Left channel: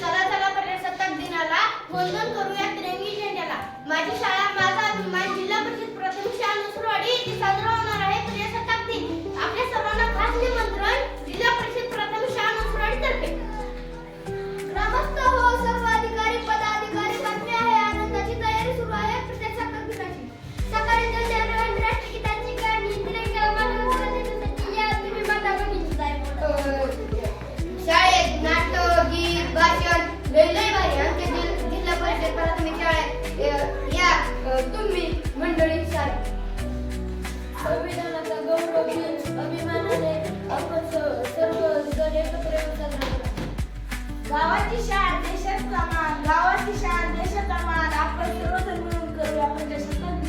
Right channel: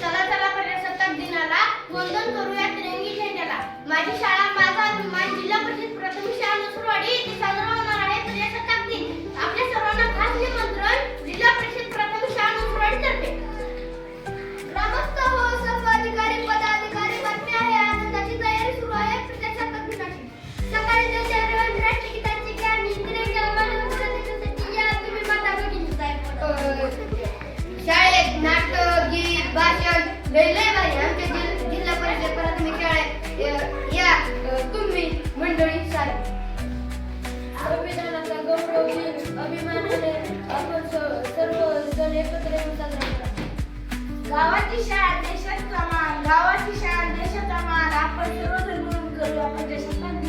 चला चला प्रजासत्ताक दिनाला वंदन करूया तिरंगी झेंड्याला. माझी शाळा माझा अभिमान जिल्हा परिषद प्राथमिक शाळा नसुरवाडी येथे साजरा होणार आहे प्रजासत्ताक दिन. आपल्या सर्वांना खास निमंत्रण जिल्हा परिषद प्राथमिक शाळा नसुरवाडी तर्फे. ग्रामस्थ हो सर्व अधिकारी पदाधिकारी बातमी आहे आनंदाची तयारी सुरू आहे प्रजासत्ताक दिनाची. सकाळी 9 राष्ट्रगीताची गाणी तिरंग्याला मानवंदना देण्यासाठी या तुम्ही माता भगिनीचा शाळेत नाटक गीत भाषण लय भारी आमच्या जिल्हा परिषद प्राथमिक शाळेत या तुम्ही मंडळी सारी. संविधानाचा गौरव दिन अभिमानाने आपण सर्व जण एकत्र येऊन साजरा करा. गावाची शाळा देशाचा मान, गावाची शाळा देशाचा मान, आपण सर्वजण मिळून करूया प्रजासत्ताक